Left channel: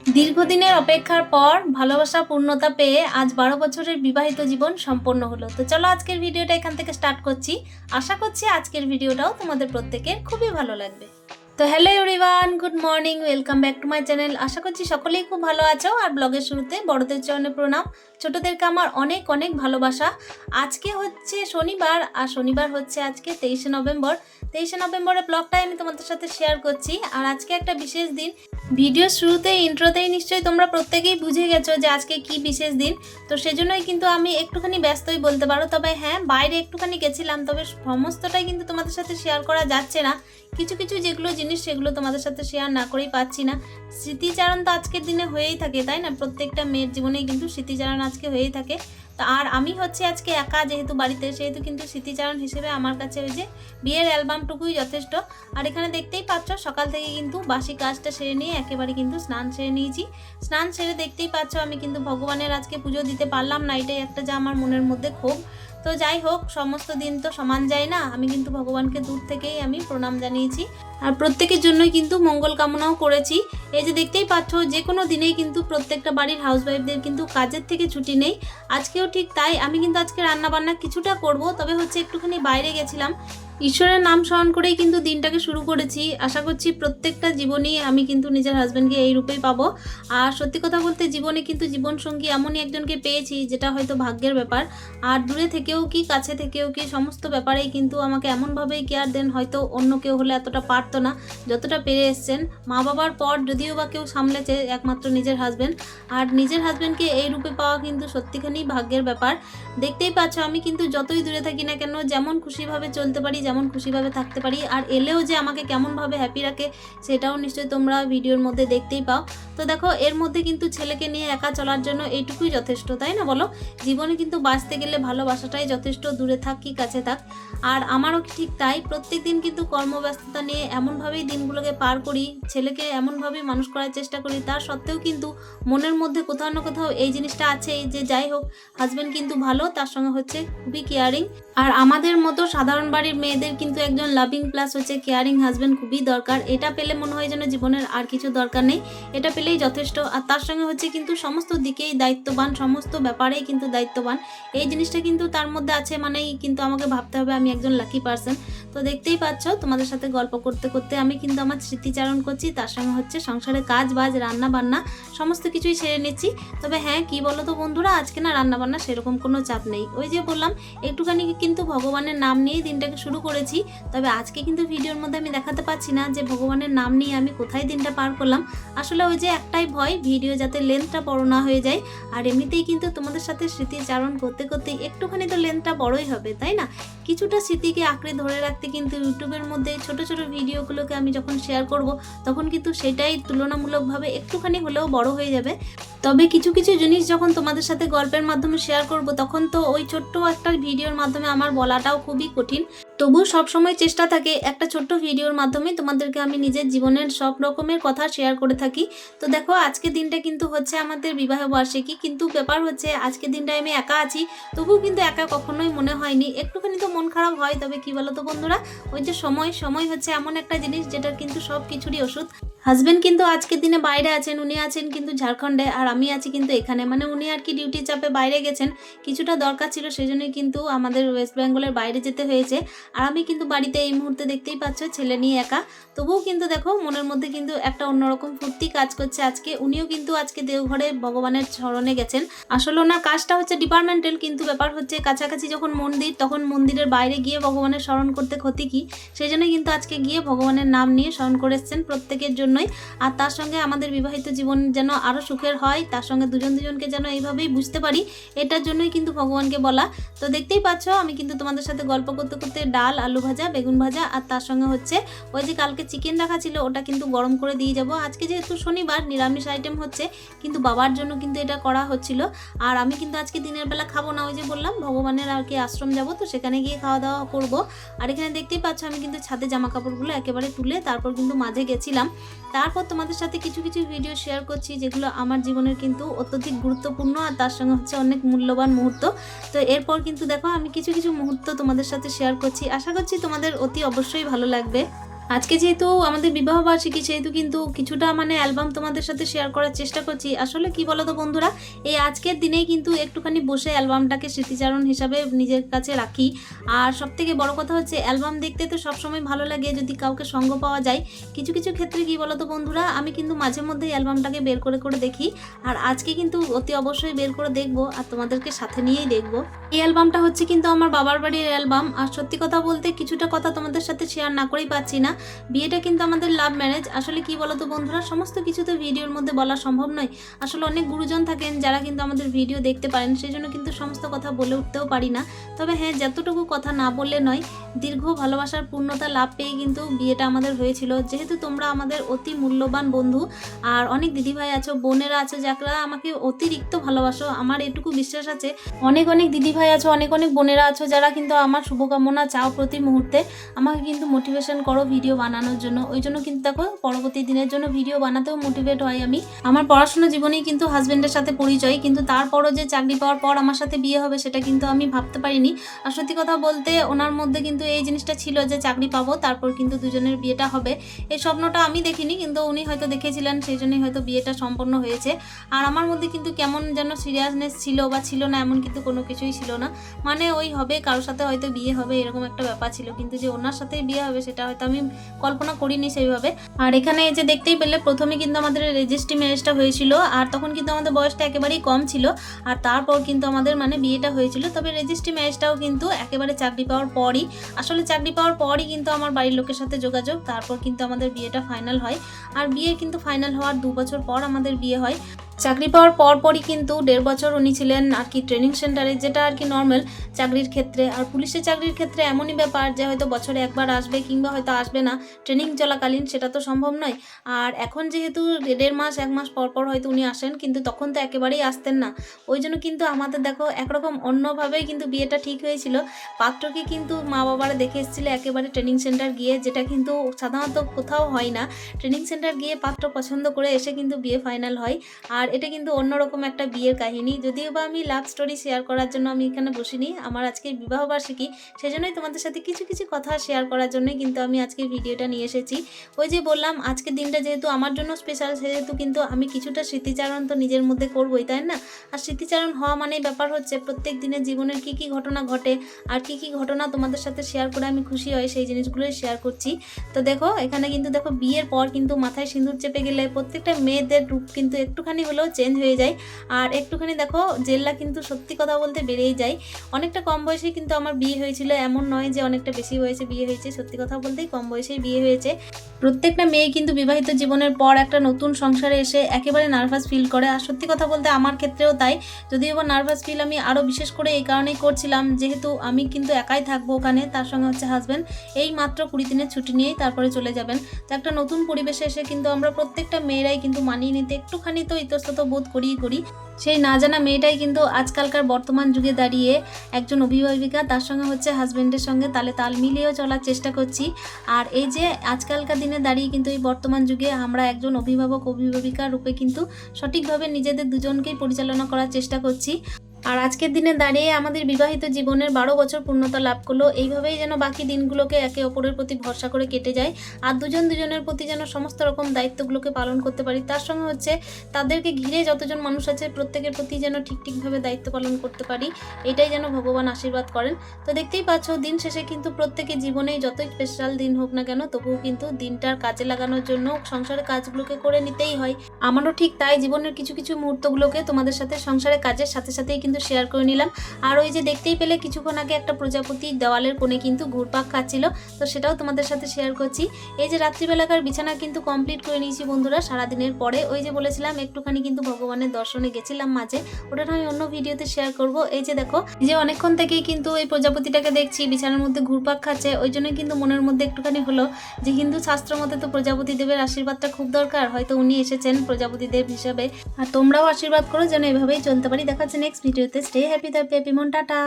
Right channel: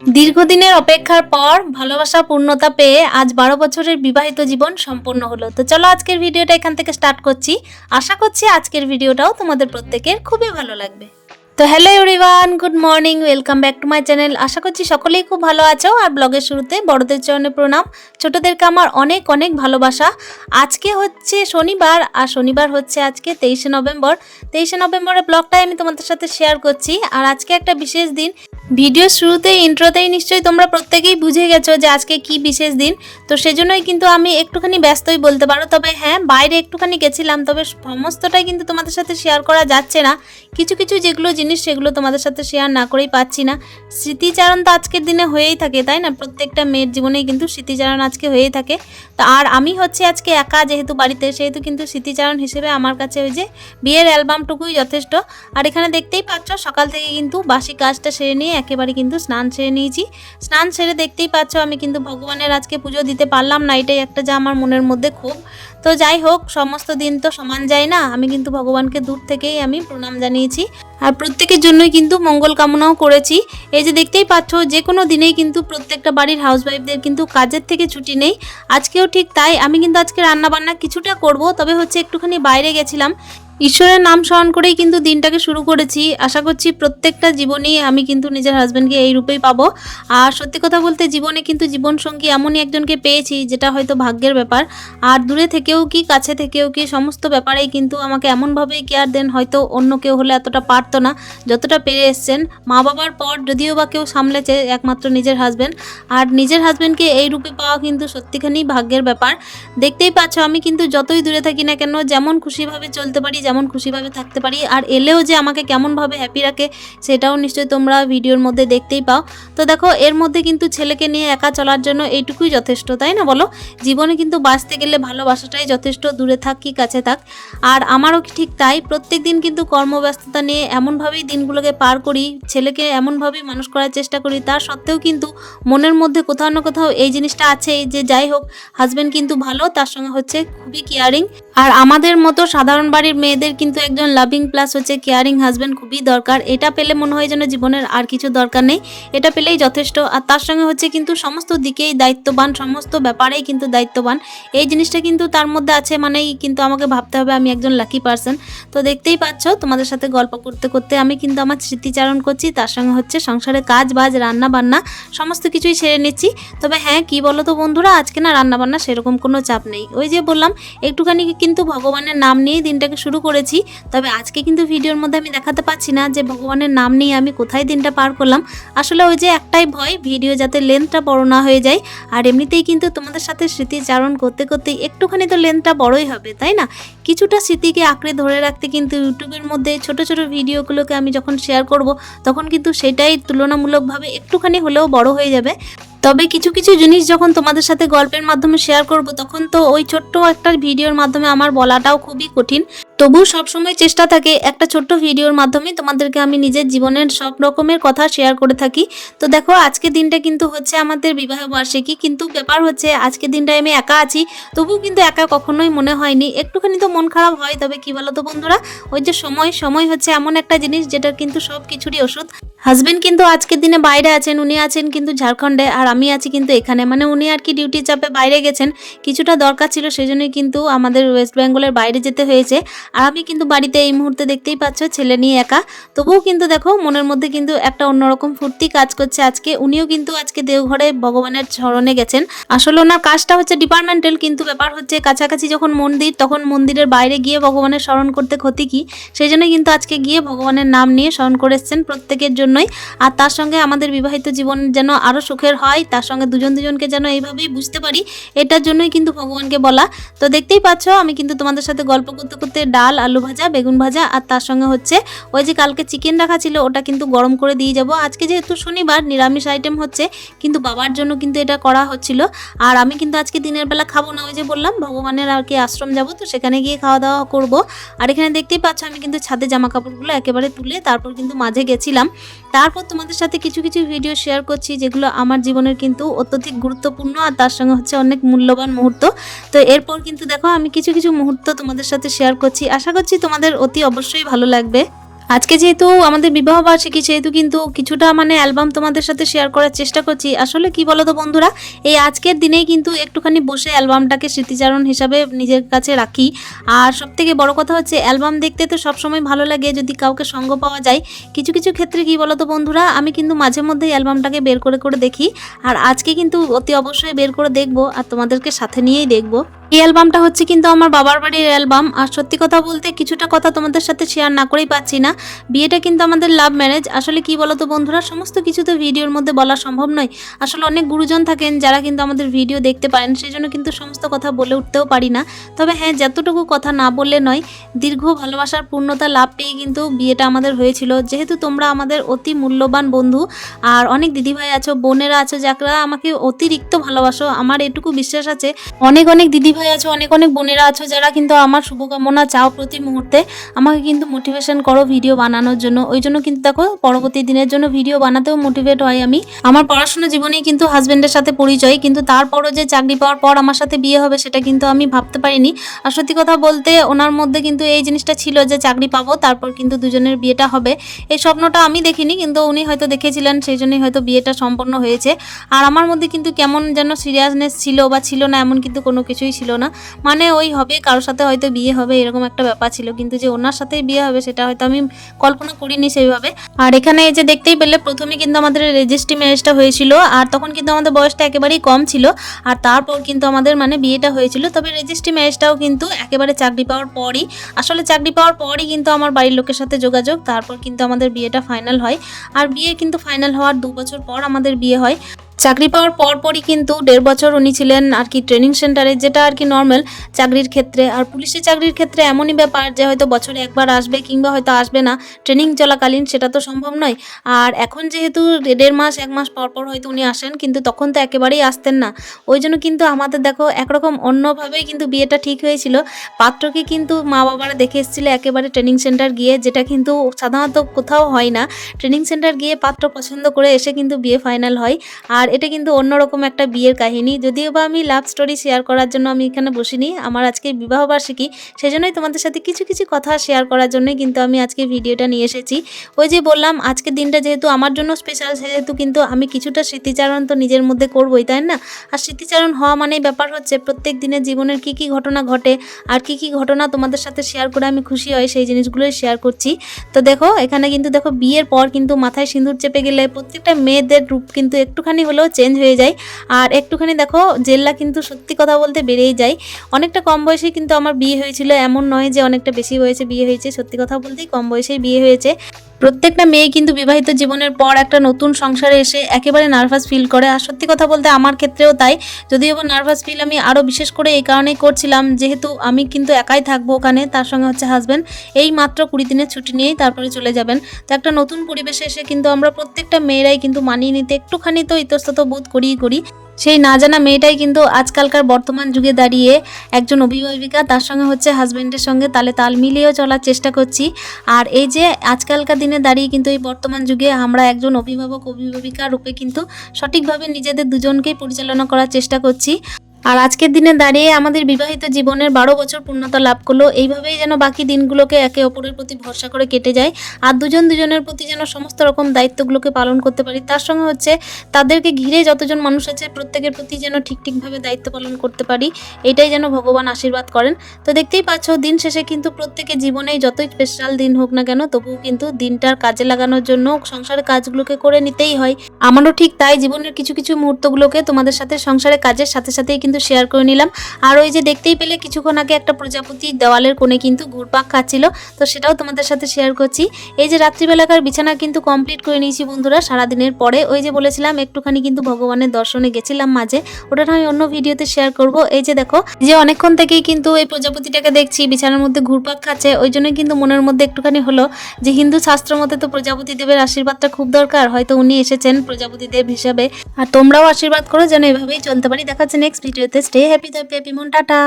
দীর্ঘদিনের অপেক্ষার পর ভালোবাসা পূর্ণতা পেয়ে আজ বারো বছরের বিবাহিত জীবন সম্পন্ন হলো। তো চলো আজকের ভিডিওটা এখান থেকে স্টার্ট করছি। আশা করছি আজকের ভিডিওটাও তোমাদের প্রত্যেকের খুবই ভালো লাগবে। তো hello everyone, good morning, welcome back to my channel. আশা করছি সকলেই খুব ভালো আছো। আর ব্লগের শুরুতে বড়দের চরণে প্রণাম। ছোটদেরকে আমার অনেক অনেক ভালোবাসা। আজকে হচ্ছে শনিবার, আর শনিবার হচ্ছে আজকে তেইশে নভেম্বর। তেইশে নভেম্বরের ব্লগটাই আমি তোমাদের সাথে শেয়ার করছি। আর আজকে একটা বিশেষ দিন। ভিডিও শুরুতে ইন্ট্রোতেই নিশ্চয়ই তোমরা প্রত্যেকেই বুঝে গেছো যে আজকে কি বিশেষ দিন। তো সেজন্যই কিন্তু আমি একটুখানি ব্যস্তই বলতে পারো। তবে হ্যাঁ বাইরে একটুখানি গেছিলাম, তবে সমস্তটাই কিন্তু তোমাদের সাথে শেয়ার করা যাচ্ছে না। কিছু কিছু যেগুলো জিনিস সেগুলো তোমাদের সাথে শেয়ার না করেই পাচ্ছি না। স্মৃতিচারণ তো আজকের দিনে হয়েই থাকে, তাই না? প্রত্যেকটা মেয়ের জীবনেই কিন্তু স্মৃতিচারণ আজকে হয়েই থাকে। তো আর আমি হচ্ছে আজকে একা যেহেতু বাড়িতে, সেহেতু কিন্তু স্মৃতিচারণ হিসেবে আমার কাছে ওই যে বিয়ের অ্যালবামটুকুই যথেষ্ট। আর এখানে দেখতেই পাচ্ছ সকাল থেকে কিন্তু বাসি কাজটা সেরে নিয়ে একেবারে কিন্তু স্নান সেরে নিয়েছি। স্নান সেরে দেখতেই পাচ্ছ আমি কিন্তু ভগবানের আজকে পুজো দিতে পারলাম না, এটাই একটা যা আমার মনের মধ্যে ক্ষোভ। তো যাই হোক, সমস্ত দিন তো সমান যায় না, আমি কিন্তু ভগবানকে দূর থেকেই আমি প্রণাম জানিয়েছি। আর প্রত্যেকের জন্যই কিন্তু মঙ্গল কামনাও করেছি। এই যে দেখতেই পাচ্ছ যে কোনো দিনেই কিন্তু প্রত্যেকটা বাড়ির হাউসওয়াইফদের কিন্তু কাজের থেকে ছুটি নেই। আজকেও ঠিক তাই, আমি কিন্তু আজকে রান্না বান্না কিছুটা করব, তবে হচ্ছে একটুখানি বাইরে গেছিলাম। ঈশ্বরের নাম স্মরণ করেই কিন্তু দিনটাকে শুরু করেছি। আশা করছি প্রত্যেকটা জীবনেই আমি কিন্তু নিজের হাজব্যান্ডকে এই রূপেই পাবো। আর সত্যি কথা বলতে জীবনে কিন্তু জীবনসঙ্গী এমনই একজনকে পেয়েছি, যেটা হয়তো ভাগ্যের ব্যাপার। আর দূরে থেকেও কি, কাছে থেকেও কি, সমস্ত ব্যাপারেই কিন্তু আমাকে এমনভাবেই কেয়ার দেন, হয়তো অন্য কেউ হলে এতটা পারতো না, যতটা পেরে এসছেন। মা বাবার পর যদিও বা কেউ সামলেছে একমাত্র নিজের হাজব্যান্ড আর নিজের হাজব্যান্ডকে এই রূপে পাওয়া কিন্তু সত্যিখানি ভাগ্যের ব্যাপার। দেখতেই পাচ্ছ আমি কিন্তু যতই দূরে থাকি না কেন, যেমন খুশিভাবে চলতে পারি যেমন খুশিভাবে থাকতে পারি আর এলেও যে আমাকে কেমনভাবে হ্যাপি রাখে সেটাও নিশ্চয়ই তোমরা ভিডিওর মধ্যে দেখতেই পাও। তো দেখো, এর মধ্যে কিন্তু ছেলেকে নিয়ে একা চলার জন্য এইটুকুই যথেষ্ট, তাই না বলো? জীবনে কিন্তু বাঁচতে গেলে ভালোবাসাটাই যথেষ্ট, দূরে থাক কি কাছে থাক। আর আমারও ঠিক তাই? প্রত্যেক দিন কিন্তু কর্মব্যস্ততা নিয়ে এমনভাবেই দিনগুলোকে পার করি, ছেলেকে এমনভাবেই মানুষ করার চেষ্টা করি তার সত্ত্বেও কিন্তু মনের মধ্যে কোথাও না কোথাও এই জিনিসটা আছে যে যাই হোক হাজব্যান্ড কিন্তু ভালো, তার সঙ্গে হচ্ছে খুবই কেয়ারিং আর আমাদের মতো সাধারণ বাড়ির মেয়েদের কিন্তু একজন লাভিং প্লাস হচ্ছে কেয়ারিং হাজব্যান্ড খুবই দরকার। এটা পেলে মনে হয় যেন জীবনের আর কিছু দরকার নেই। এটা পেলেই যথেষ্ট। আর তার সঙ্গে হচ্ছে কিন্তু সমস্ত দিকেই দায়িত্ববান, সমস্ত ব্যাপারেই কিন্তু দায়িত্ববান। এই জিনিসটা কিন্তু তার মধ্যে আছে মানেই কিন্তু আমাকে ভাবতে হবে আমি একজন লাকি পার্সন তো দেখতেই পাচ্ছ, তোমাদের সাথে গল্প করতে করতে আমি কিন্তু আমার স্মৃতিচারণ করছি। তার সঙ্গে হচ্ছে সংসারে কাজ বাজ, রান্না বান্না সমস্ত কিছুই সেরে নিচ্ছি। তবে হ্যাঁ কি বলো তো বন্ধুরা? আজকে না রান্না বান্না সেরকম কোনো চাপ নেই। ওই যে বললাম, একটুখানি কিন্তু ভগবানের নাম নিয়েই দিনটাকে শুরু করেছি। তবে আজকে কিন্তু ভিডিওর মধ্যে আমি দেখাতে পাচ্ছি না যে ভগবানের নাম নিয়ে আমি কোথায় দিনটা পার করলাম। আসলে ওই যে একটাই ভয়, ভিডিও যাতে লেন্থটা বড় না হয়ে যায়। আর এমনিতেই কিন্তু তোমাদের সাথে স্মৃতিচারণ করতে করতে একটুখানি তো লেন্থটা বড়ই হবে, তাই না? কিছুটা স্মৃতিকে আঁকড়ে ধরে রাখতে কিন্তু ইউটিউবের মধ্যে ছোট ছোট ভিডিওগুলোকে আমি যখন শেয়ার করব, তখন কিন্তু সেটাই তুলনামূলকভাবে একটুখানি হলেও বড় হয়ে যাবে। তবে কিছু কিছু জিনিস যখন তোমাদের সাথে গল্পের মাধ্যমে শেয়ার করব, তখন তো ওই ছোট্ট একটা ভিডিওর মাধ্যমে আমার বলাটাও খুবই কঠিন। তবু সবসময় চেষ্টা থাকে একটা ছোট্ট ভিডিওর মাধ্যমে তোমাদেরকে আমি নিজের জীবনের সব রকমের কথা শেয়ার করে থাকি। তো দেখো আজকে দিনটা কিন্তু হচ্ছে আমাদের বিবাহ বার্ষিকী। কিন্তু ব্যাপার হচ্ছে আজকে দিনটায় আমি একা আছি, তবুও কিন্তু একা কখনোই মনে হয়নি। একটুখানি তো মন খারাপ হয়, তবে কি বলো তো বন্ধুরা? ওই যে সময় সময় হচ্ছে এমন একটা জিনিস যেটার কিন্তু সব কিছুরই ওষুধ। হাজবেন্ড কিন্তু আজকের দিনে বাইরে আছেন, উনি আছেন কিন্তু ঝাড়খণ্ডে, আর আমি আছি কিন্তু এখানে। মানে উনি আর কি ডিউটি চাপে বাইরে গেছেন। কিছুটা দরকার ছিল সেই জন্যই কিন্তু আমাদের ওয়েস্ট বেঙ্গলের বাইরে যেতে হয়েছে। আর আমি কিন্তু বাড়িতে এই মুহূর্তে দেখতেই পাচ্ছ ছেলে নিয়ে একা। তবুও কিন্তু দেখো, মনের মধ্যে কিন্তু একটা অন্যরকম ফুর্তি কাজ করছে আজকে। উনিও কিন্তু আজকে দেওঘরে ভগবানের স্মরণে গেছেন। আসলে ওনার কাজটা হচ্ছে ডিপার্টমেন্টাল কিন্তু ব্যাপার হচ্ছে কাছাকাছি যখন মন্দির, তখন মন্দিরের বাইরে গিয়ে ভগবানের স্মরণ করতে ক্ষতি কি? সেই জন্য কিন্তু আজকে গিয়ে ভগবানের নাম নিয়ে স্মরণ করে এসছেন প্রত্যেকের জন্যই। আর তার সঙ্গে আমাদের বিবাহিত জীবন যেন আরও সুখের হয়, তার সঙ্গে দুজন দুজনকে যেন এইভাবেই বুঝতে পারি, এটার জন্যই কিন্তু ভগবানকে বলা। তো দেখতেই পাচ্ছ, আমি কিন্তু তোমাদের সাথে গল্প করতে করতে ডাল, আলু ভাজা, বেগুন ভাজা আর তার সঙ্গে হচ্ছে ওই যে কালকে চিকেন রাখা ছিল, ওটা কিন্তু গরম করে দিয়ে যাব। আজকে যেহেতু শনিবার, নিরামিষ আইটেম হচ্ছে, কিন্তু বাবার জন্য কিন্তু এটা করা হচ্ছিল। আর আমি কিন্তু আজকে দিনের বেলা খাব না, ওই যে বললাম, ভগবানের আর কি আশ্রম যাব, তো সেখানে গিয়ে খাওয়া দাওয়া করব। আর এখানে দেখতেই পাচ্ছ, আমি কিন্তু ছাদে জামা কাপড়গুলো একেবারে তুলে তারপর কিন্তু মাঝে গেছিলাম। তারপর তোমাদের সাথে কিছু কিছু ভিডিও শেয়ার করছি, যেগুলো আমার জীবনের কিন্তু অত্যধিক গুরুত্বপূর্ণ আর তার সঙ্গে হচ্ছে অনেক মূল্যবান মুহূর্ত। তো এরপর কিন্তু দেখো, আমি কিছু কিছু মুহূর্ত তোমাদের সাথে শেয়ার করছি। আশা করছি তোমাদের অতি অবশ্যই ভালো লাগবে। আজকে যেহেতু আমাদের বিবাহ বার্ষিকী, সেহেতু কিন্তু কিছুটা মানে অ্যালবাম তোমাদের সাথে শেয়ার করার চেষ্টা করছি। আসলে কি বলো তো বন্ধুরা, এই আজকের দিনেই কিন্তু একটুখানি বসে অ্যালবামটাকে স্মৃতিচারণ হিসাবে নিজের কাছে রাখি। আর সব থেকে বড় কথা হচ্ছে, অ্যালবাম দেখতে তো সবসময় ভালো লাগে, যদি কাউকে সঙ্গ পাওয়া যায়। কিছু কিছু ক্ষেত্রে কি বলো তো বন্ধুরা, আমি কিন্তু মাঝে মধ্যেই অ্যালবামটাকে বের করে করে দেখি। আর আজকে কিন্তু অতি অবশ্যই বের করে দেখব, আর তোমাদেরকে সাথে নিয়েই দেখব। এই অ্যালবামটা হচ্ছে কিন্তু আমার বাবার বাড়ির অ্যালবাম। আর সত্যি কথা বলতে কিছুটা কথা তোমাদের সাথে শেয়ার না করেই পাচ্ছি না। বিয়েটা কিন্তু আমাদের লাভ ম্যারেজ আসলে কি বলতো বন্ধুরা, সমস্ত কিছু তো ভিডিওর মধ্যে বলা সম্ভব নয়। আসলে অনেক গুরুজন থাকেন যারা কিন্তু আমাদের ভিডিও দেখতে পারেন সেই জন্য কিন্তু সমস্ত কথা বলে উঠতেও পারি না। তবে হ্যাঁ যতটুকু কথা না বললে নয়, দীর্ঘ ভালোবাসার পূর্ণতা লাভ পেয়ে কিন্তু বিয়েটা আমাদের হয়েছিল। যেহেতু তোমরা আমাদের অতি মূল্যবান বন্ধু, আর অনেক দিদিভাই আছো, বোনেরা আছো, যারা আমাকে অতিরিক্ত ভালোবাসো, আমার এটুকু বিশ্বাস আছে, অনেক অনেক দিদিভাই আছো, অনেক অনেক বোনেরা আছো যারা কিন্তু আমার শুভকামনা চাও প্রতি মুহূর্তে। আমাকে কিন্তু মোটিভেশন করো ভিডিও বানানোর জন্য। ওই জন্য কিন্তু দেখো, পরবর্তী দিনের জন্য ভিডিও বানাতেও মোটিভেট হয় আমি। আমার পড়াশোনা জীবনেই কিন্তু হাজব্যান্ডের সাথে পরিচয়, কিন্তু তারপরও যে চাকরি পাওয়ার পর আমার সাথে বিয়ে হবে সেটা কিন্তু আমি ভাবতে পারিনি। আর সত্যি কথা বলতে, ওনার মধ্যে কিন্তু এই জিনিসটা ছিল যে চাকরি পাবো, তারপর কিন্তু দুজনের বিয়েটা হবে। এই স্বপ্নটা আমি দেখিনি, কিন্তু উনি হয়তো দেখেছিলেন, সেই জন্যই হয়তো বিয়েটা সম্পন্ন হয়েছে। আর আমার মধ্যে কিন্তু কেমন যেন সিরিয়াসনেস ছিল বা ছিল না, এমন কিন্তু কোনো কিছুই ছিল না। মানে ওই হবে, কারোর সাথে হয়তো বিয়ে হবে, এরকম একটা ব্যাপার ছিল। কিন্তু যে ওনার সাথেই বিয়ে হবে, সেটা হয়তো আমি কল্পনা করিনি সেইভাবে। আর এখানে এই যে দেখতেই পেলে, প্রথমে কিন্তু আমাদের রেজিস্ট্রি ম্যারেজটা হয়েছিল, আর তখন কিন্তু আমাদের বয়সটা একেবারেই কম ছিল। আর তারপর কিন্তু আমাদের মানে বিয়েটা হয়েছিল। তবে রেজিস্ট্রি ম্যারেজটাও কিন্তু একেবারে চাকরি পাওয়ার পরই, আসলে চাকরি পাওয়ার পরই কিন্তু আমার বাড়ির লোকের সাথে যোগাযোগ, তারপর কিন্তু আমাদের বিয়েটা ফাইনাল হয়। আর বিয়ে কিন্তু ফাইনাল হওয়ার দু বছর পর আমাদের বিয়ে হয়। চাকরি পাওয়ার পর পরই কিন্তু দেড় বছর উনি ছিলেন আর কি ট্রেনিং সেন্টারে যেটা আর কি নর্মাল চাকরির ক্ষেত্রে। আর পুলিশের চাকরির ক্ষেত্রে এমনই ব্যাপার যে হয়তো বছরে একবার আসবে কিংবা হয়তো আসবে না। ট্রেনিং চলাকালীন সেটা তো সম্ভব নয়। আর এখন যেহেতু দেড় মাস, এক মাস পর পর হয়তো উনি আসেন, কিন্তু তখন তো একেবারেই আসতেন না। ওই জন্য কিন্তু আমাদের দেখো একরকম অন্যভাবেই কিন্তু বিয়েটা ঠিক হয়েছিল। পাত্রকে কিন্তু মা বাবারা দেখে এসেছিল একেবারে ট্রেনিং সেন্টার গিয়ে, যেটা কিন্তু সাধারণত কোথাও হয় না। ট্রেনিং সেন্টার গিয়ে পাত্র পছন্দ করে এসে কিন্তু বিয়ে ফাইনাল হয়। আর এটা কিন্তু অন্যরকম একটা বিয়ের কাহিনী। যদিও বা আমি লাভ স্টোরি শেয়ার করার জন্য আমি এখানে বসিনি, আমার আজকে বিবাহবার্ষিকী সেজন্যই তোমাদের সাথে কিছু কিছু কথা শেয়ার করার জন্যই কিন্তু আমি আজকে ভিডিওটা নিয়ে এসেছি। ওই যে বললাম, আজকের দিনটা যেহেতু আমার জন্য স্পেশাল সেহেতু কিন্তু আমি কিছুটা স্মৃতিচারণ তো নিজের মধ্যে করবোই, তাই না? আর স্মৃতিচারণ হওয়া মানেই ব্যাপার হচ্ছে, প্রত্যেক দিনের জীবনের কি কি ঘটনা ঘটে, আর কি কি ঘটনা তোমাদের সাথে শেয়ার করে আমি খুশি হই, সেই জিনিসগুলোই শেয়ার করছি। তো দেখো, এখানে কিন্তু দেখো, বিয়ের পর কিন্তু মাথায় সিঁদুর চেপে গেলে প্রত্যেকটা মেয়েদের রূপ কিন্তু একটুখানি হলেও চেঞ্জ হয়ে যায়। আর একটুখানি দেখো, জেল্লা কিন্তু সত্যি কথা বলতে বেড়েই যায়। অনেকটা কম বয়সে কিন্তু আমার বিয়ে হয়েছিল, এমন নয় যে অনেকটা বেশি বয়সে বিয়ে হয়েছে, সত্যি কথা বলতেই কম বয়সেই বিয়ে হয়েছে। প্রত্যেকটা মেয়ে কিন্তু বিবাহিত জীবনের পর একটা নতুন সংসারে এসে একেবারে নার্ভাস ফিল করে। আর সত্যি কথা বলতে আমার ক্ষেত্রেও তাই। যদিও বা নার্ভাস ফিল আমি আরও বিশেষ করে এই কারণেই করছিলাম, যেহেতু আমি কিন্তু একাই থাকব ওখানে, তার সঙ্গে হচ্ছে হাজব্যান্ড এই মাত্র কুড়ি দিনের ছুটি নিয়েই তারপরে চলে যাবেন। তো একটা নতুন পরিবেশে এসে কিন্তু আমরা প্রত্যেকটা মেয়েরাই কিন্তু মানিয়ে নিতে একটুখানি তো ইতস্তত বোধ করিই করি। সেই না জানা মেয়েটাই কিন্তু আজকালকার বর্তমান যুগে দাঁড়িয়ে একজন অভিভাবিকা, তার সঙ্গে হচ্ছে হাজব্যান্ডের সঙ্গে তালে তাল মিলিয়েও চলার চেষ্টা করছি। আর এই যে আজকালকার দিনে দাঁড়িয়ে কিন্তু এই বর্তমান যুগে আমরা একজন অভিভাবক, অভিভাবিকা রূপে কিন্তু সঠিকভাবে নিজেদের দুজনকেই পরিচালনা করার চেষ্টা করছি। আর আজকের দিনে দাঁড়িয়ে আমাদের বিবাহিত জীবনের বারো বছর পূর্ণতা লাভ করল, এইভাবেই যেন বাকি দিনগুলোকে একে অপরের প্রতি ভরসা করে কেটে যায় আর দুজন দুজনের প্রতি যেন সমস্ত রকম দায়িত্বগুলোকে পালন করতে পারি। তার সঙ্গে হচ্ছে তাদেরকে ঘিরে যতজন মানুষ আছে প্রত্যেকের প্রতি যেন ঠিক ঠিকভাবে দায়িত্ব পালন করতে পারি, এটাই যেন ভগবান আশীর্বাদ করেন। তো দেখতেই পাচ্ছ, দিন শেষে কিন্তু প্রত্যেকে জীবনেই যতই স্পেশাল দিন হোক না কেন, তবুও কিন্তু দিনটার কাজে লাগানোর জন্য সংসারের কাজগুলোকে করে নিতেই হয়। আমারও ঠিক তাই, জীবনের কিছু কিছু মুহূর্তগুলোকে তোমাদের সাথে সংসারের কাজের সাথে সাথেই কিন্তু শেয়ার করে নিলাম। আর ওই যে দেখতেই পেলে কিছুক্ষণ আগে একটা প্রজাপতি দেওয়ালের কোণে কিন্তু ঘুরপাক খাচ্ছিল। তো সেটাও তোমাদের সাথে শেয়ার করছি। এই যে রাত্রিবেলাকার বিছানা কিন্তু কমপ্লিট করে নিয়েছি বন্ধুরা, সারাদিনের পরে। ওই যে বলেছিলাম, একটুখানি কিন্তু ভগবানের দর্শনে গেছিলাম মাঝে। ওটা আমি অন্য ভিডিওতে শেয়ার করব। এই যে দেখো, যে অনেকক্ষণ থেকেই কিন্তু এই প্রজাপতিটাকে দেখছি, বিছানার মধ্যে ঘুরপাক খাচ্ছে। ওই জন্য কিন্তু মনের মধ্যে একটুখানি হলো যে হিন্দু শাস্ত্র মতে তো প্রজাপতি দেবের আশীর্বাদটা খুব দরকার। হয়তো উনি এসেছেন প্রজাপতি দেব হিসাবে। আর তোমরাও আশীর্বাদ করো, যেন এভাবেই চলতে পারি। দেখাচ্ছে নেক্সট ভিডিওতে স্টে হ্যাপি দ্য হ্যাপি মন টাটা